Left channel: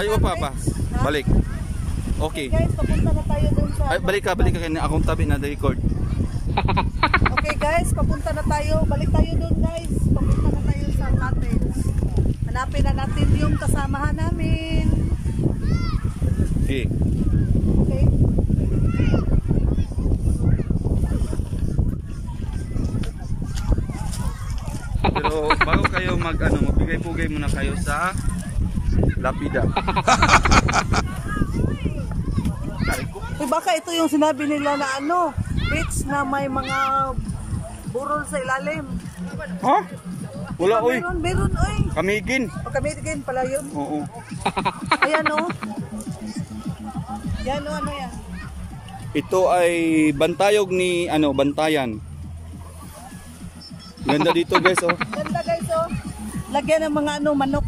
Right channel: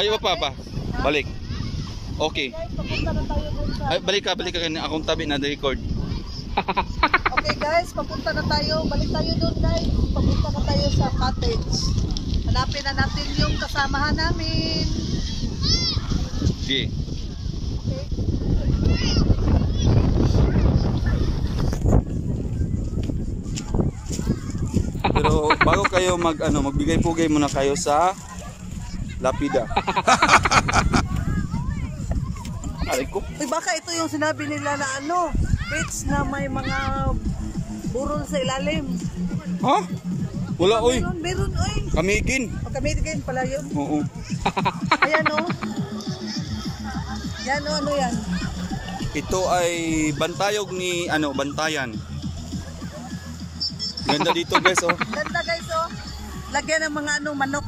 Ay, pa. Balik. Okay. Guys, papunta na tayo dun sa... Ay, balik ka kanya. Akong tabi na record. Okay guys, papunta na tayo. Balik tayo dun guys. Papunta na tayo sa cottage. Hanapin na natin yung kasamahan namin. Okay. Okay. Pero bago kayo magbigay-pugay muna kayo sa lapida. Uy, baka ito yung sinabi nila na beach na may mga burol sa ilalim. Ha? Wala oy. Meron oy. Kamigin. O kamigin pala yun. Oo. Ayan o. Yan o, ano yan? Ito ay bantayog ni Bantayan. Ganda dito guys oh. Ganda guys oh. Lagyan ng mga manok.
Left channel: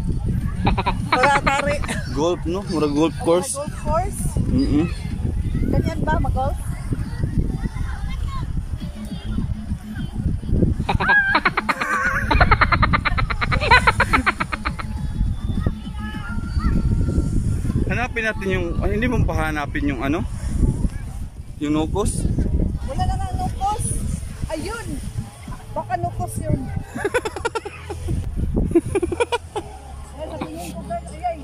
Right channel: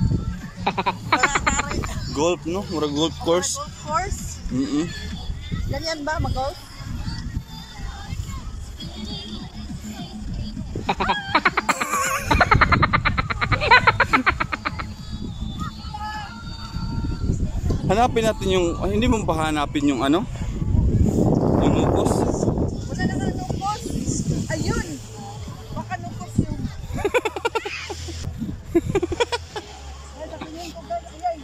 Kaya kare. Golf no? Mura golf course. Golf course. Ganyan ba mag-golf? Hanapin natin yung hindi mo pa hanapin yung yung nukos. Wala na nga nukos. Ayun. Baka nukos yun. Ay, sabihin ko guys, ayay,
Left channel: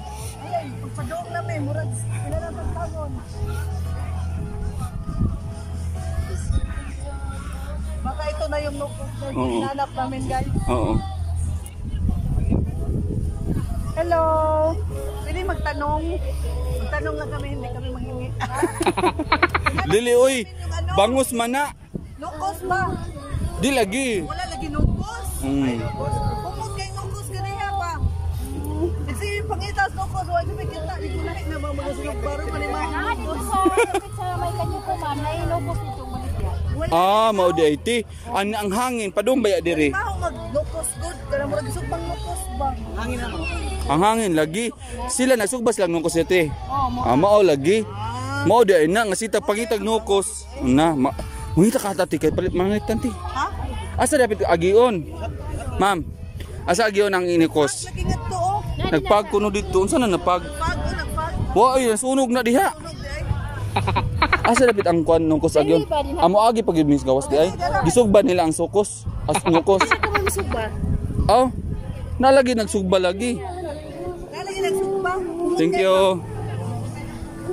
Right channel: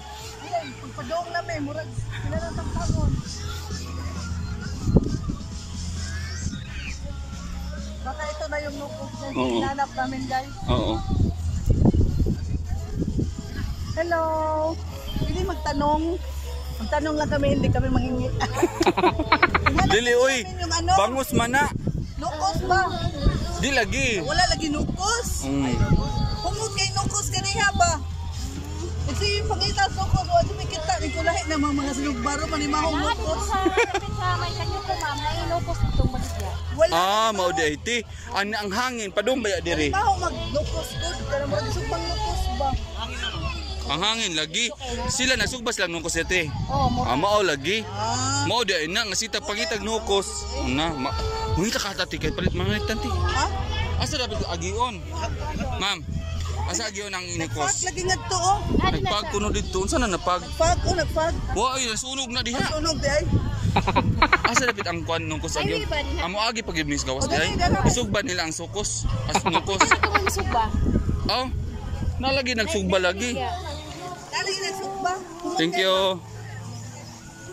pagpadoong namin, murag, kailangan ng tangon. Baka ito na yung nukos guys, hinanap namin guys. Oo. Hello! Pwede magtanong? Magtanong lang kami, hindi kami manghingi. Dili oy, bangus mana. Nukos ba? Di lagi. Wala lagi nukos. Pungod kay nukos kaniha ba? Ito yung pangitas nukos. Wala may kita. Di ko lahi namang mga sinugbaro manimahong nukos. Sa may kanyo ko ma'am, nainukos itong baligya. Mao di iti. Ang hangin padung ba diri? Manimahong mag-nukos good. Kaya mo lagi sugbang nukos ba? Hangin ano? Ang hangin lagi. Sila nasugbas lang nukos ite. Mao lagi. Mao di na nga sita pangitag nukos. Na Mungita ka tati kay palit mga tanti. Ha? Asa dapat agion? Ma'am, asa agion ang inikos? Lagi nga to oh. Nagpag kuno dito. Unsa na napag? Nagpag. Wa ay sunog na diha. Sunog di ay. Asa dapat ang kuan nukos agion? Amo agi pag ibnis gawas di ay. Isugba nila ang sukos. As nukos. Oh. Nalagi nagsugba lagi. Nalagi nagsugba. Thank you.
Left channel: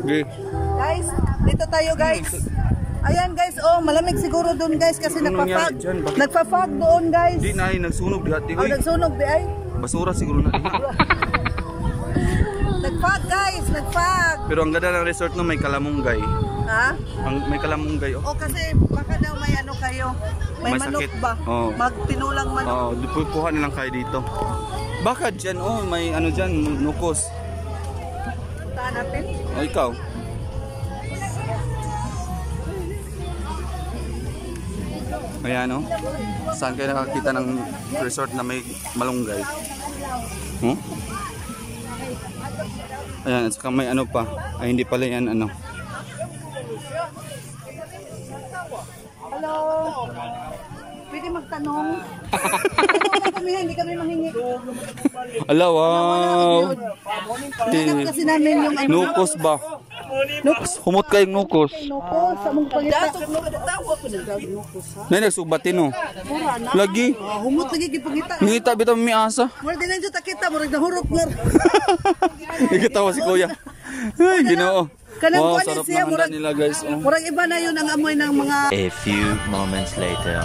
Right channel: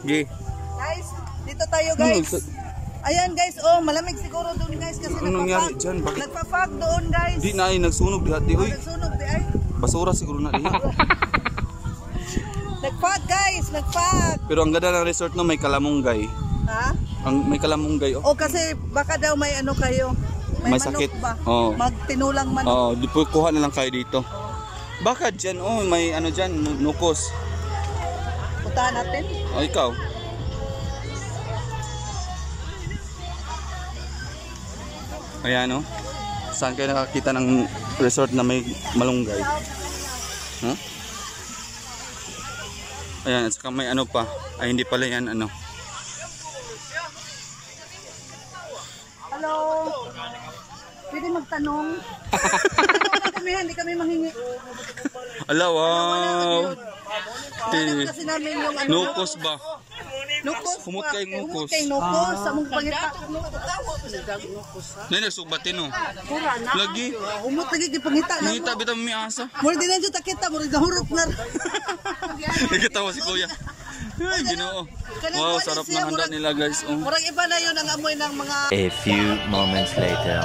Okay. Guys, dito tayo guys. Ayan guys, malamig siguro doon guys kasi nagpa-fog doon guys. Di na ay nagsunog diha di oy. Nagsunog di ay. Basura siguro na diha. Nagfog guys, nagfog. Pero ang ganda ng resort no may kalamunggay. Ha? May kalamunggay oh. Kasi baka daw may kayo. May manok sakit ba? Magtinulang manok. Di po kuha na lang kayo dito. Baka dyan may dyan nukos. Puntahan natin. Ikaw. Ayan saan kayo nakakita ng resort na may malunggay? Ayan, saka may pa. Ay hindi pala yan Hello. Pwede magtanong. Hindi kami manghingi. Ala, wow. Kasi namin yung nukos ba? Nukos. Humot kayong nukos. Nukos. Sa mong pangita. Nene, subatin lagi. Humot lagi kipangita. Ngita bitang miasa. Mura din nandiyo takita. Mura nahurot na. Nagkatawa si kuya. Ay, Ginoo. Wow, sarap ng handa nila guys. Murang iba na yun ang amoy ng mga... A few moments later.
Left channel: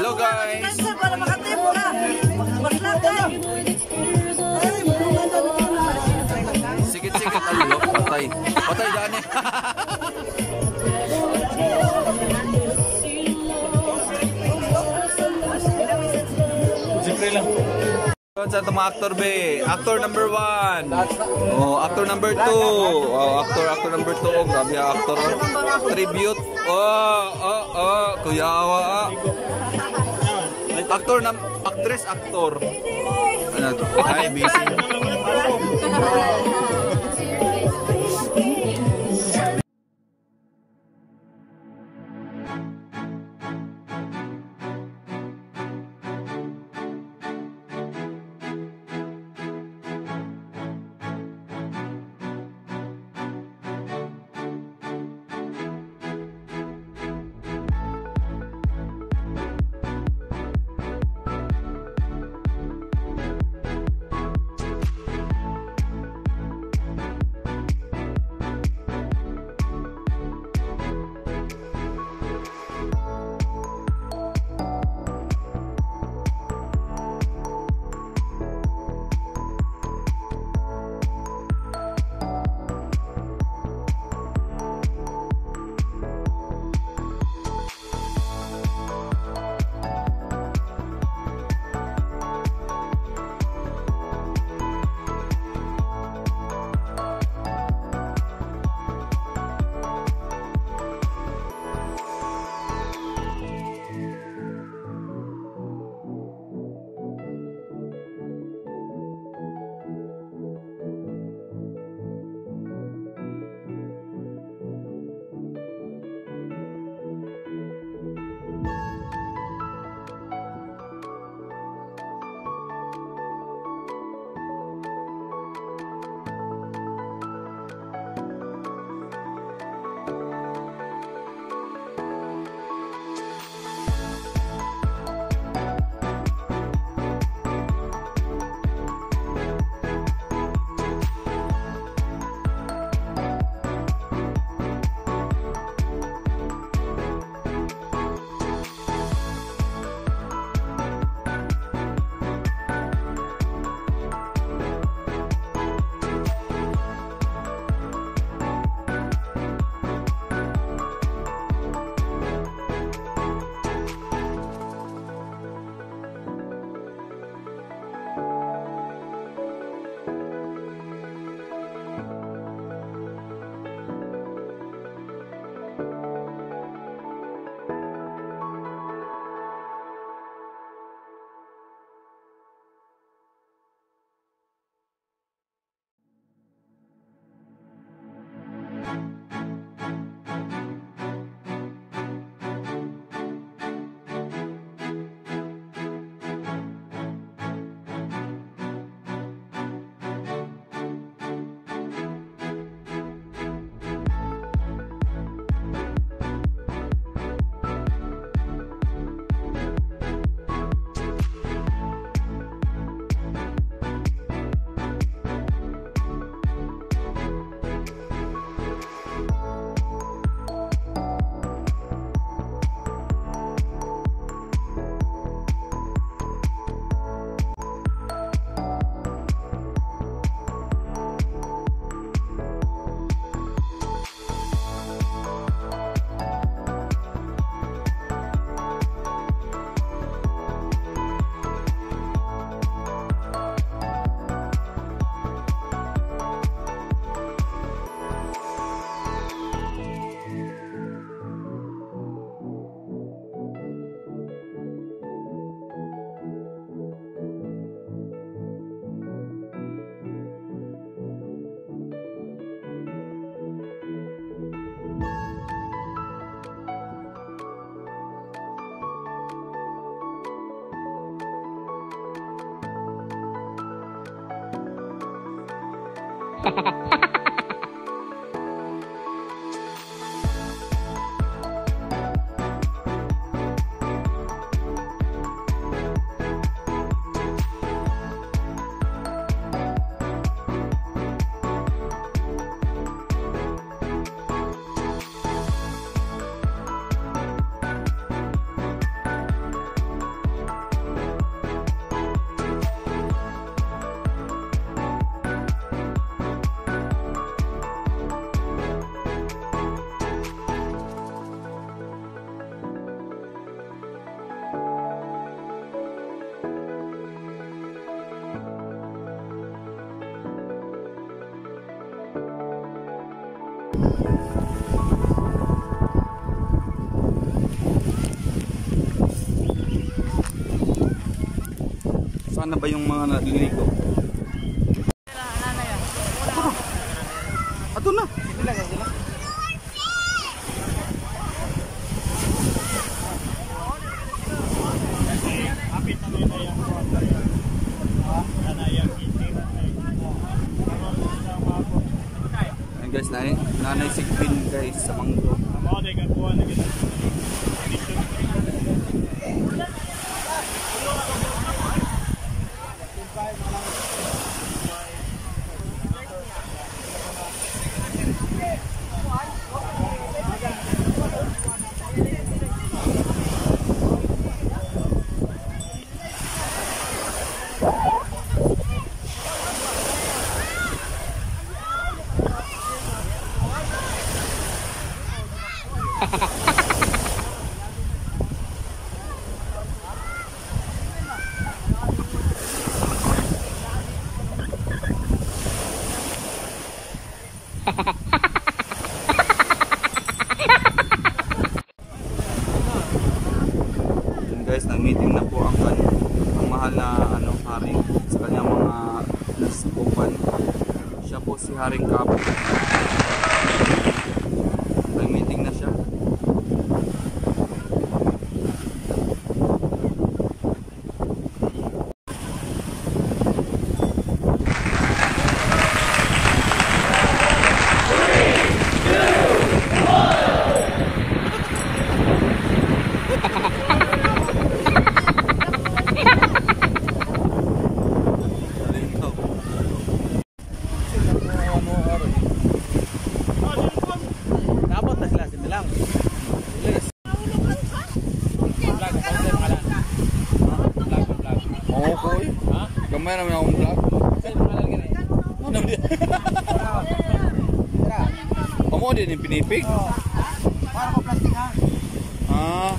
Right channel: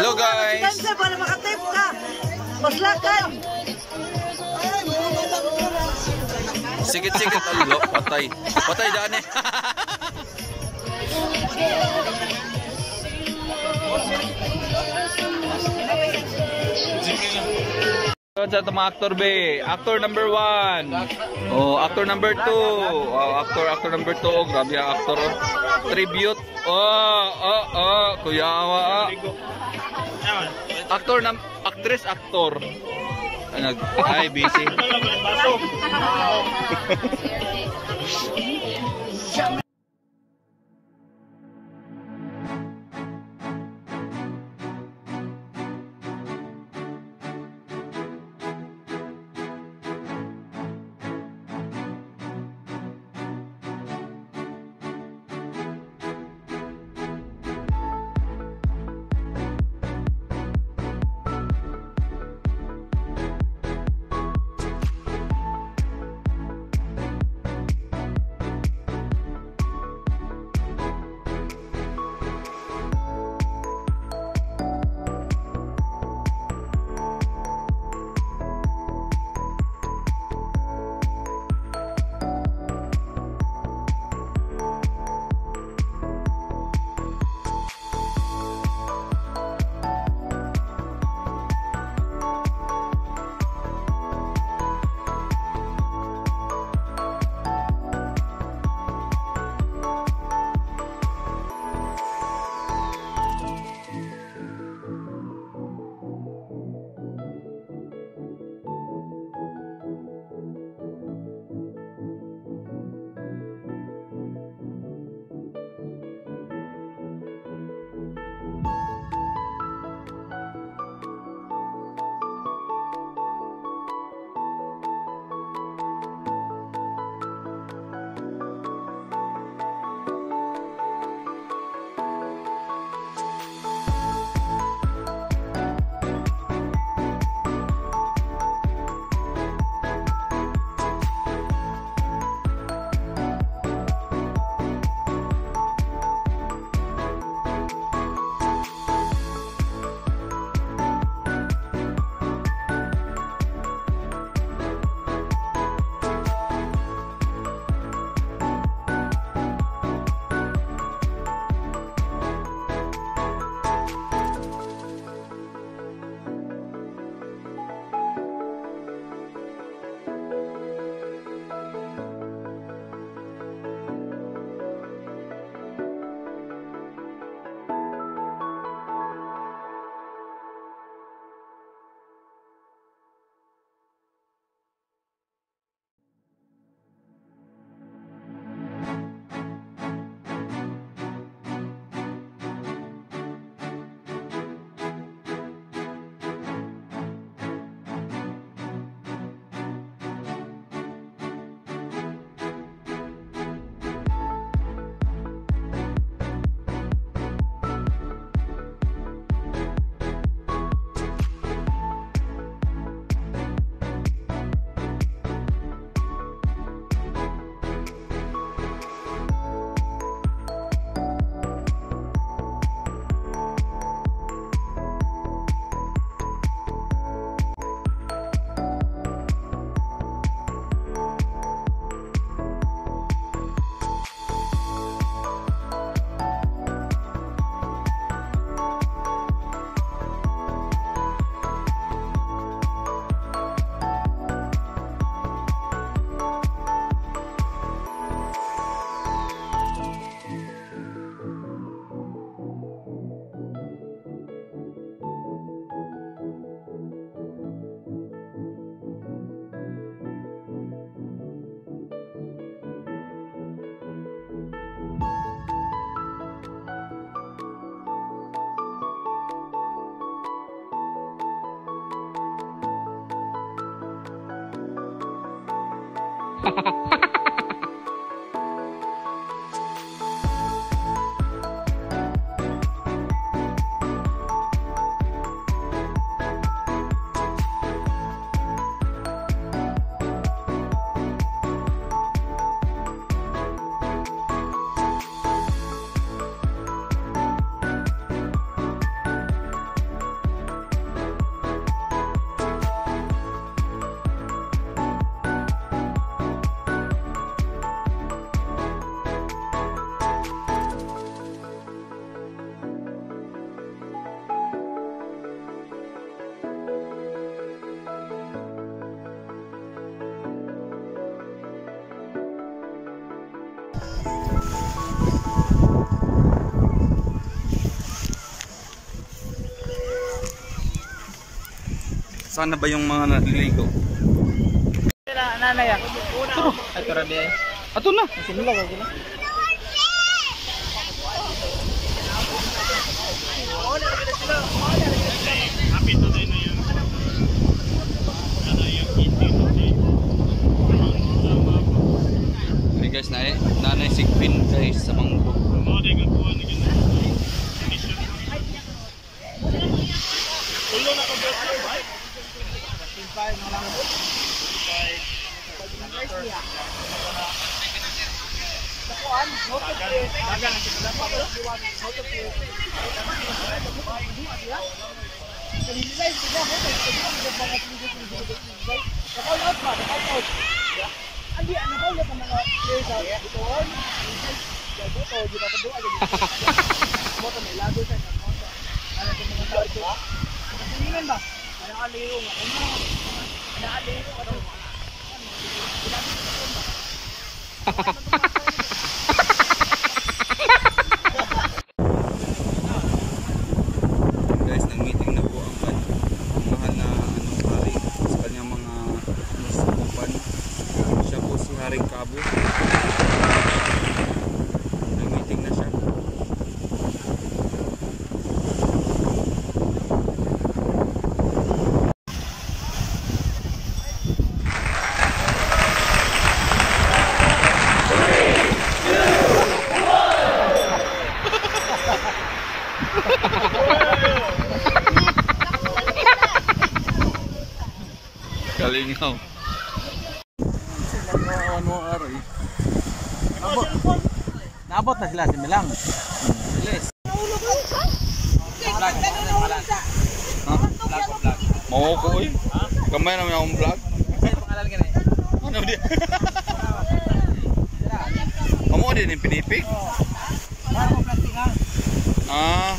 Hello guys. Sikit-sikit alo, patay. Patay daan eh. Sa itong mga actor be, actor number 1. Actor number 2. Actor number 2. Grabe ang actor. Tribute. Kuya Awa. Aktor na, actress, aktor. Ano? Ay, busy. Sana ba yung mga naliligo? Nanay ah. Ato na. Sige lang, sige lang. Ay guys, nanay sigpin guys sa mangrove. Guys, nag-meeting na po ang mahal na hari sa kanyang mga company. Siya po si Haring Kap. Nag-meeting na siya. Kalingaw. Ano aray? Naabot na sila si Milang. Bilis. Vlog, pangalan. Ha? Vlog. Oo ko eh. Gamay naman akong vlog. Ay, pangalan ka rin. Ano di? Amo din yung pinipig. Para mo plastic ha. Ah.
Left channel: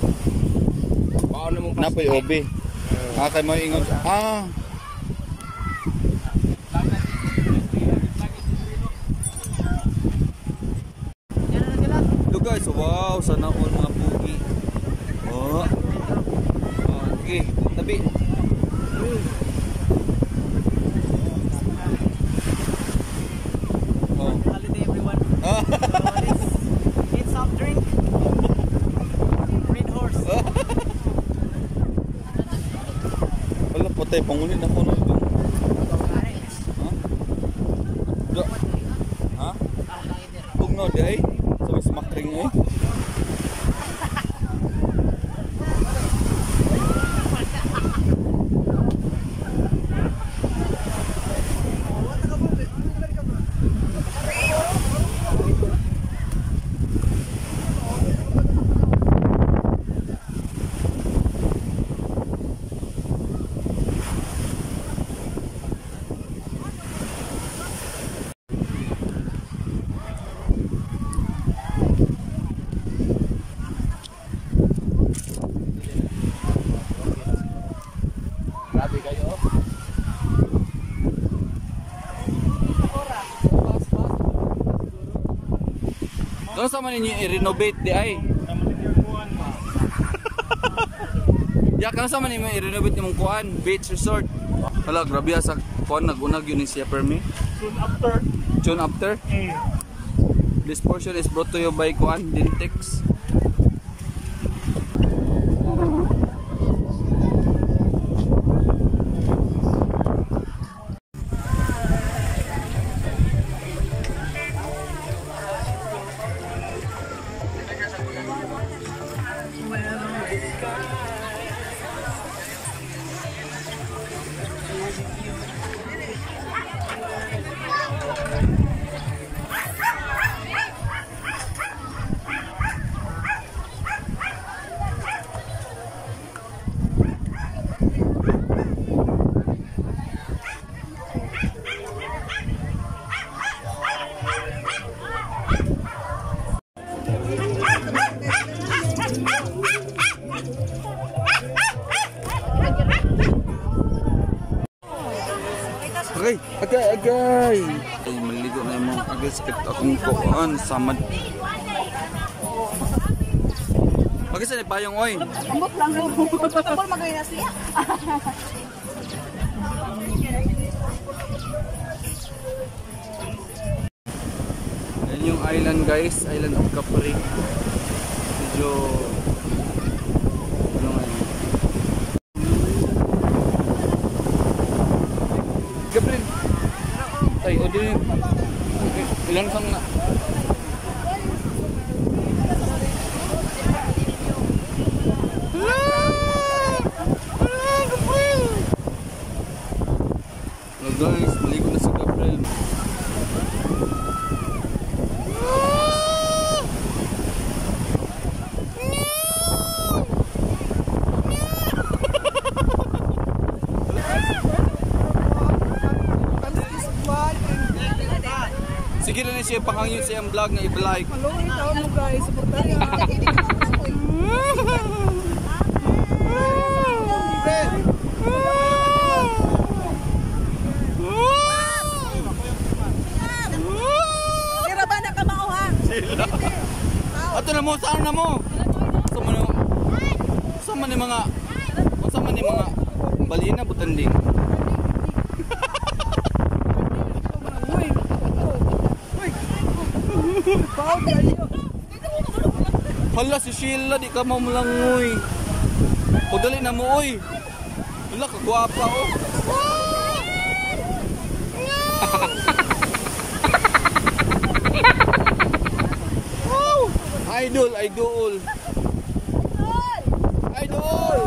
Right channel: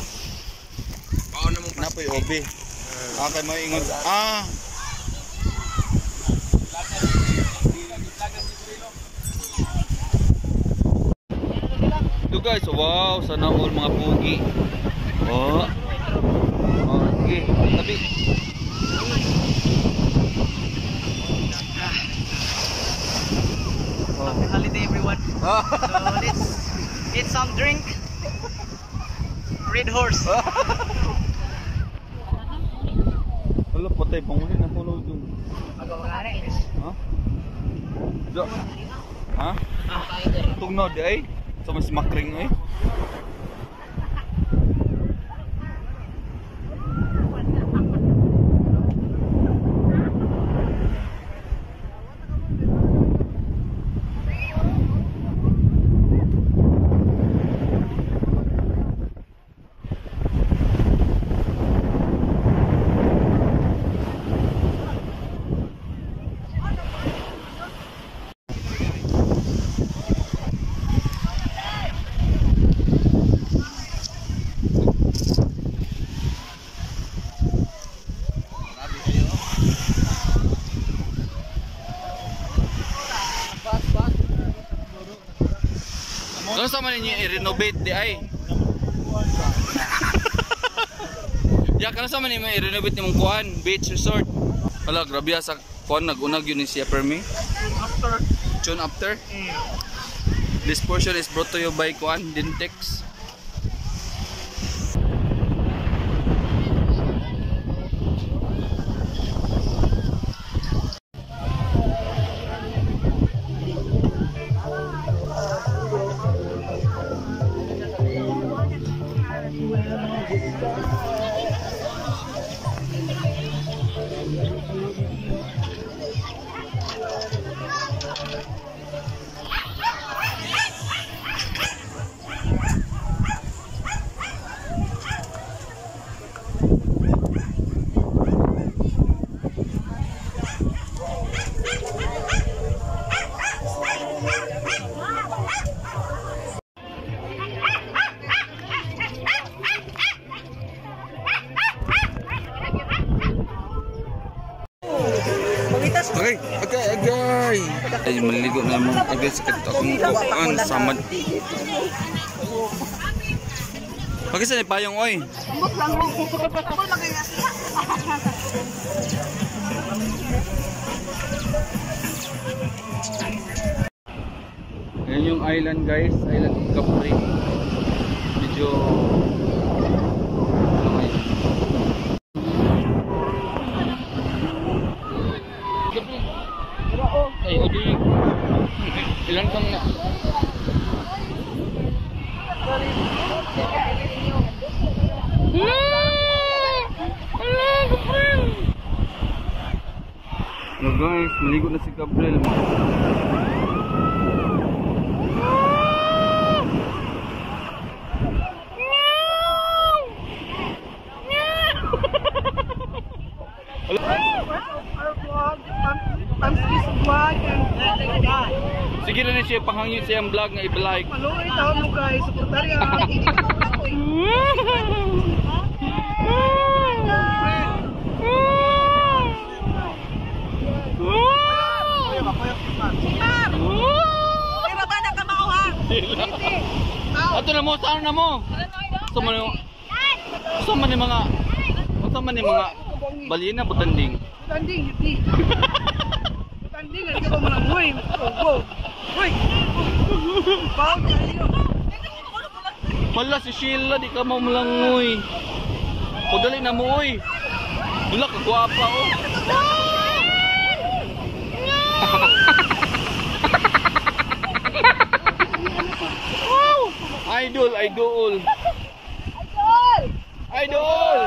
Paano mo Napoy obi. Kay mo ingon. Look guys, wow, sana all mga pugi. Oh. Sige, tabi. Happy holiday everyone. So let's eat some drink. Red horse. Wala patay pangulit na kuno dito. Ha? Tugnaw di ay sa mas makring eh. Kano sa man ninyo i-renovate di ay? Ya, kano sa man ninyo i-renovate nimong kuan, beach resort. Hala, grabe sa kuan nag-unag yun siya permi. Soon after. This portion is brought to you by kuan Dintex. Agay. Ay, maligo na yung mga agay sakit akong kuhaan samad. Pagkisa ni payong oy. Ambot lang mo. Kapal magayas siya. Ayan yung island guys, island of Capri. Medyo ano ngayon? Capri. Ay, ado yun. Ilang sang na? No guys, maligo na si Gabriel. Sige na siya panghangit sa iyang vlog nga i-like. Maluoy taon mo guys, suportarya. Kira ba na ka mao ha? Sila. Ato na mo, saan na mo? Sa man ni mga balina butanding. Tanding, hindi. Tanding, hindi ko malangoy. Hoy! Pao kayo. Hala si Sheila, di ka mamulangoy. O dali na mo oy. Wala ka gwapa oh. Idol, idol. Idol.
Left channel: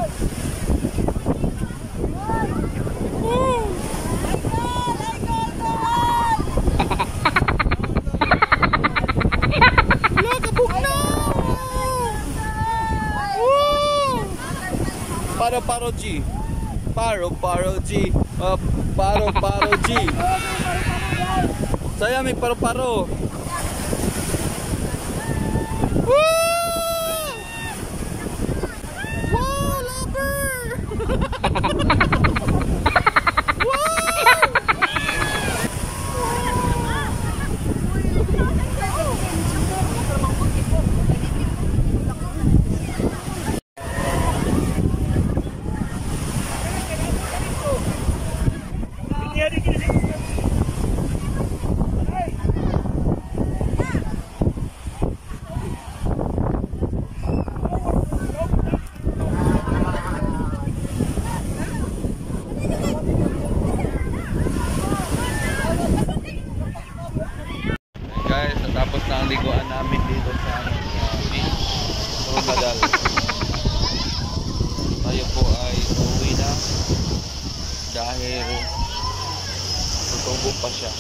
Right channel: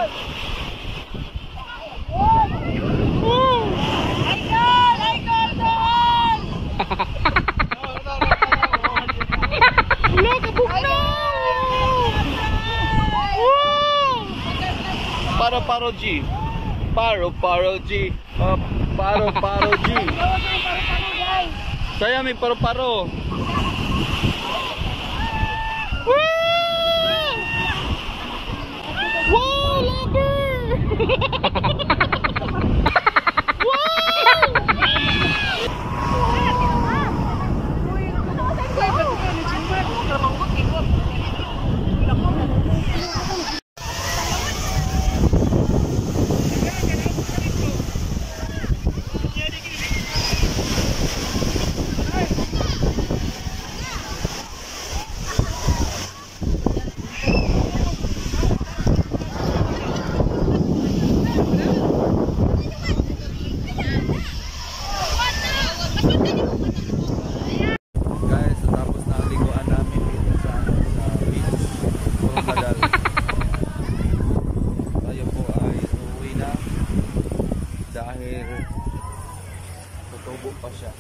Wala ka bukna. Paro G. Paro G. Paro G. Saya may paro. Wow, lover! Guys, natapos na ang liguan namin dito sa beach Coronadal. Tayo po ay uuwi na dahil tutubo pa siya.